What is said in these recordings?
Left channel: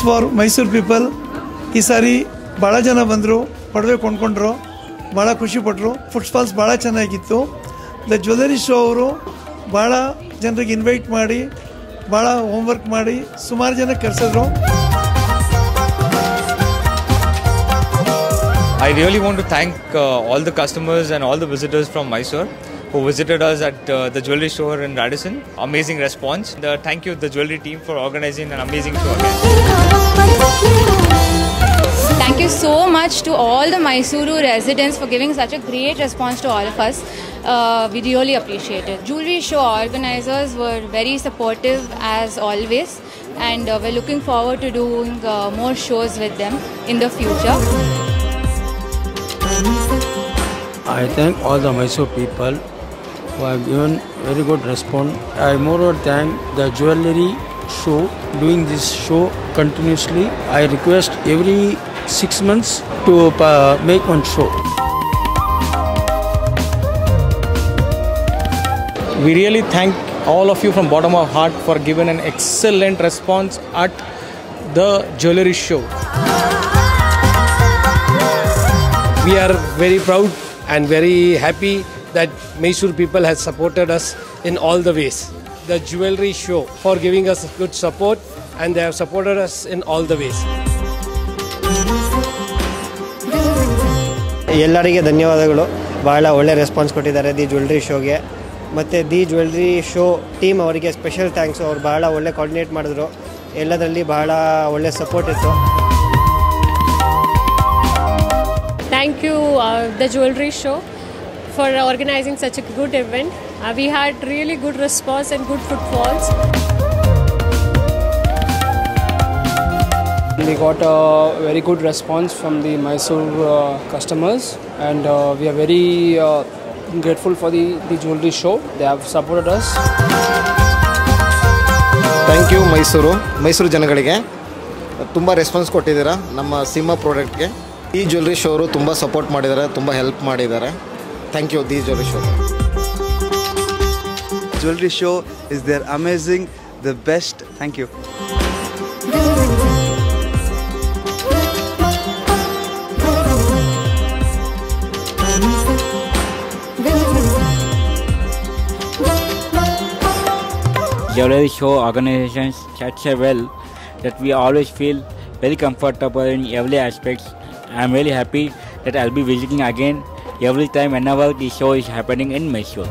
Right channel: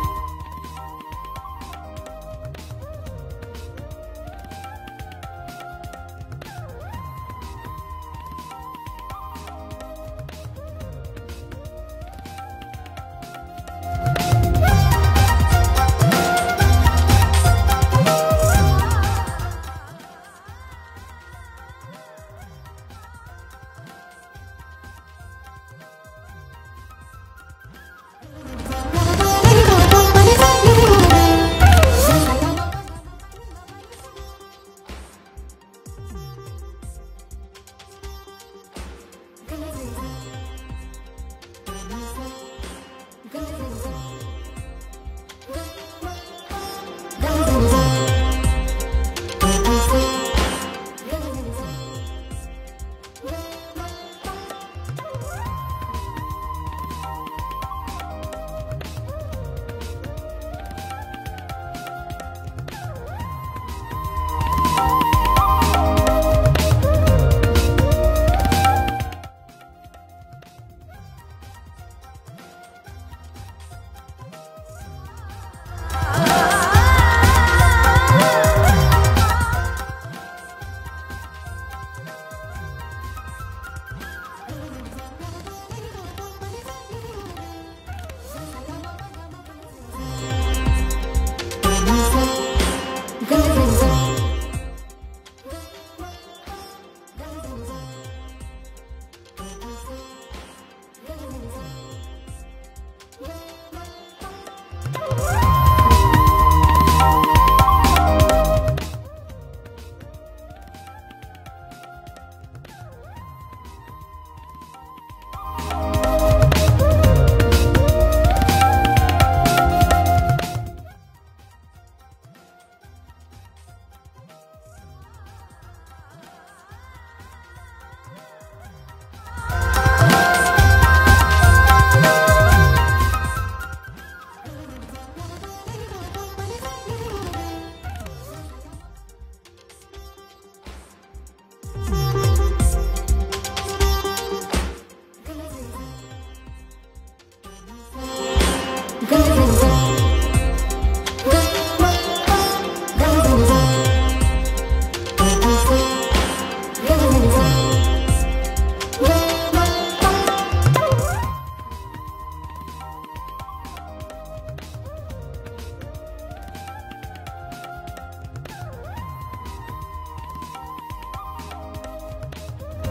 Thanks for Mysuru people. ಈ ಸಾರಿ ಭಾಳ ಜನ ಬಂದರು, ಪಡವೆ ಕೊಂಡ್ಕೊಂಡ್ರು, ಭಾಳ ಖುಷಿಪಟ್ಟರು. ಫುಟ್ಫಾಲ್ಸ್ ಭಾಳ ಚೆನ್ನಾಗಿತ್ತು. ದ ಜ್ಯುವೆಲರಿ ಶೋ ಅವರು ಭಾಳ ಜನರಿಗೆ ಇನ್ವೈಟ್ ಮಾಡಿ ಭಾಳ ಹೋಮ್ವರ್ಕ್ ಮಾಡಿ ಸುಮಾರು ಜನ ಕರೆಸಿದ್ರು. I really want to thank all the customers and all the visitors from Mysore who visited us at the jewelry store in Radisson. Amazing response. Thank you the jewelry team for organizing an amazing show. Thank you so much to all the Mysuru residents for giving such a great response to all of us. We really appreciate it. Jewelry show organizers were very supportive as always, and we're looking forward to doing more shows with them in the future. I thank all the Mysore people who have given very good response. I moreover thank the jewellery show doing this show continuously. I request every 6 months to make one show. We really thank all of you from bottom of heart for giving an excellent response at the jewellery show. We are very proud and very happy that Mysore people has supported us in all the ways. The jewellery show for giving us good support, and they have supported us in all the ways. ಎಲ್ಲರಿಗೆ ಧನ್ಯವಾದಗಳು. ಭಾಳ ಒಳ್ಳೆ response ಕೊಟ್ಟಿದ್ದಾರೆ the jewellery ಶೋಗೆ. ಮತ್ತು the jewellery show team ಅವರಿಗೆ special thanks. ಅವ್ರು ಭಾಳ ಒಳ್ಳೆ ಕೋಆರ್ಡಿನೇಟ್ ಮಾಡಿದ್ರು. ಎಲ್ಲದರಲ್ಲಿ ಭಾಳ ಒಳ್ಳೆ ಸಪೋರ್ಟ್ ಇತ್ತು. Thank you the jewelry show for organizing such a good event. We had really good response and good footfalls. We got a very good response from the Mysore customers, and we are very grateful for the jewelry show. They have supported us. Thank you Mysuru ಜನಗಳಿಗೆ ತುಂಬ response ಕೊಟ್ಟಿದ್ದೀರಾ ನಮ್ಮ ಸಿಂಹ ಪ್ರಾಡಕ್ಟ್ಗೆ. ಈ jewellery show ಅವರು ತುಂಬ support ಮಾಡಿದ್ದಾರೆ, ತುಂಬ help ಮಾಡಿದ್ದಾರೆ. Thank you the jewellery show. Jewelry show is their amazing, the best. Thank you. Jewelry show organizations such a well that we always feel very comfortable in every aspect. I am really happy that I'll be visiting again every time whenever the show is happening in Mysore.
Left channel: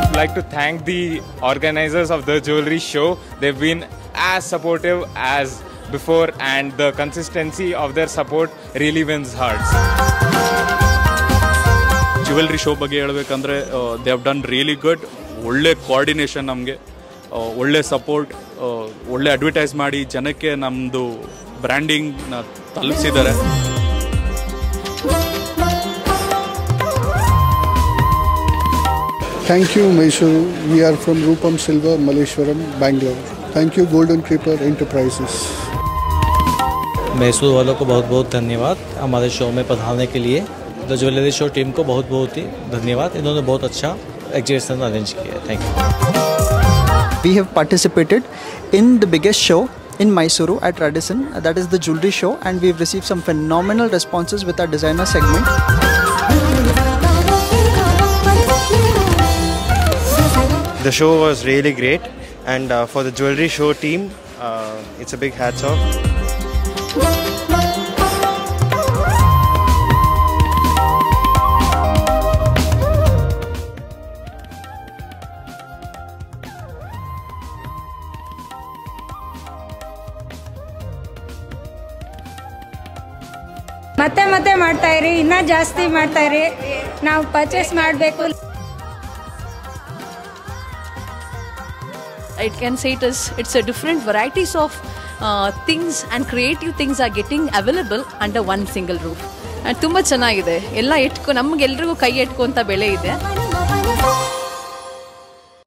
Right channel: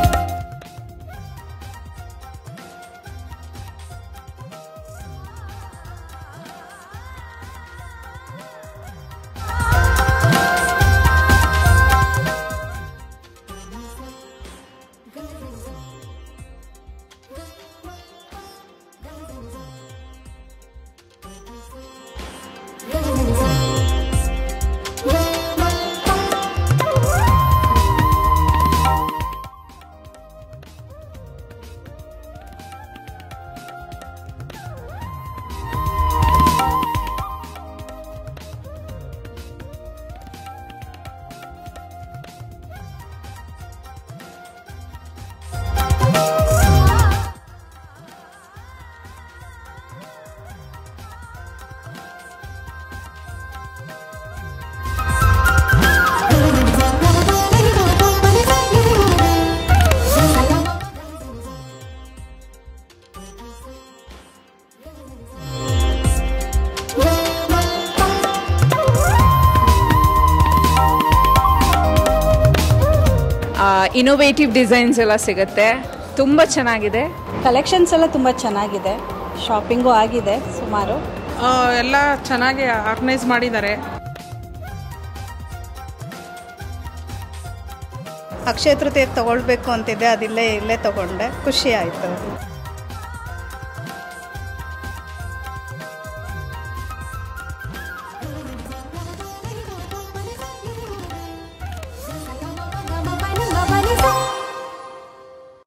I'd like to thank the organizers of the jewelry show. They've been as supportive as before, and the consistency of their support really wins hearts. Jewellery show ಬಗ್ಗೆ ಹೇಳಬೇಕಂದ್ರೆ they have done really good. ಒಳ್ಳೆ coordination, ನಮಗೆ ಒಳ್ಳೆ support, ಒಳ್ಳೆ advertise ಮಾಡಿ ಜನಕ್ಕೆ ನಮ್ಮದು ಬ್ರ್ಯಾಂಡಿಂಗ್ನ ತಲುಪಿಸಿದ್ದಾರೆ. Thank you Mysore. We are from Rupam Silver, Malleshwaram, Bangalore. Thank you Golden Creeper Enterprises. Mysore वालों को बहुत बहुत धन्यवाद हमारे शो में पधारने के लिए. द ज्वेलरी शो टीम को बहुत बहुत ही धन्यवाद. इन्होंने बहुत अच्छा एग्जीबिशन अरेंज किया. Thank you. We have participated in the biggest show in Mysuru at Radisson, that is the jewelry show, and we've received some phenomenal responses with our designer segment. The show was really great, and for the jewelry show team, it's a big hats off. Innovative designs ಎಲ್ಲ ಸಿಗುತ್ತೆ, ತುಂಬ ಚೆನ್ನಾಗಿದೆ. Collections ಎಲ್ಲ ತುಂಬ ಚೆನ್ನಾಗಿದೆ. Shopping ಆಗಿದೆ ಸುಮಾರು. ಎಲ್ಲ ಚೆನ್ನಾಗಿ ಆರ್ಗನೈಸ್ ಮಾಡಿದ್ದಾರೆ. ಮತ್ತೆ ಮತ್ತೆ ಮಾಡ್ತಾ ಇರಿ, ಇನ್ನೂ ಜಾಸ್ತಿ ಮಾಡ್ತಾ ಇರಿ. ನಾವು ಪರ್ಚೇಸ್ ಮಾಡಬೇಕು. ಅಕ್ಷಯ ತೃತೀಯಕ್ಕೆ ತಗೊಳ್ಬೇಕು ಅಂತಿದ್ದೆ, ಇಲ್ಲೇ ತಗೊಂಡೆ. ಖುಷಿ ಆಯಿತು. It can say it's a different varieties of things and creative things are getting available under one single roof. ತುಂಬ ಚೆನ್ನಾಗಿದೆ. ಎಲ್ಲ ನಮ್ಗೆಲ್ರಿಗೂ ಕೈ ಎಟ್ಕೊಂತ ಬೆಲೆ ಇದೆ.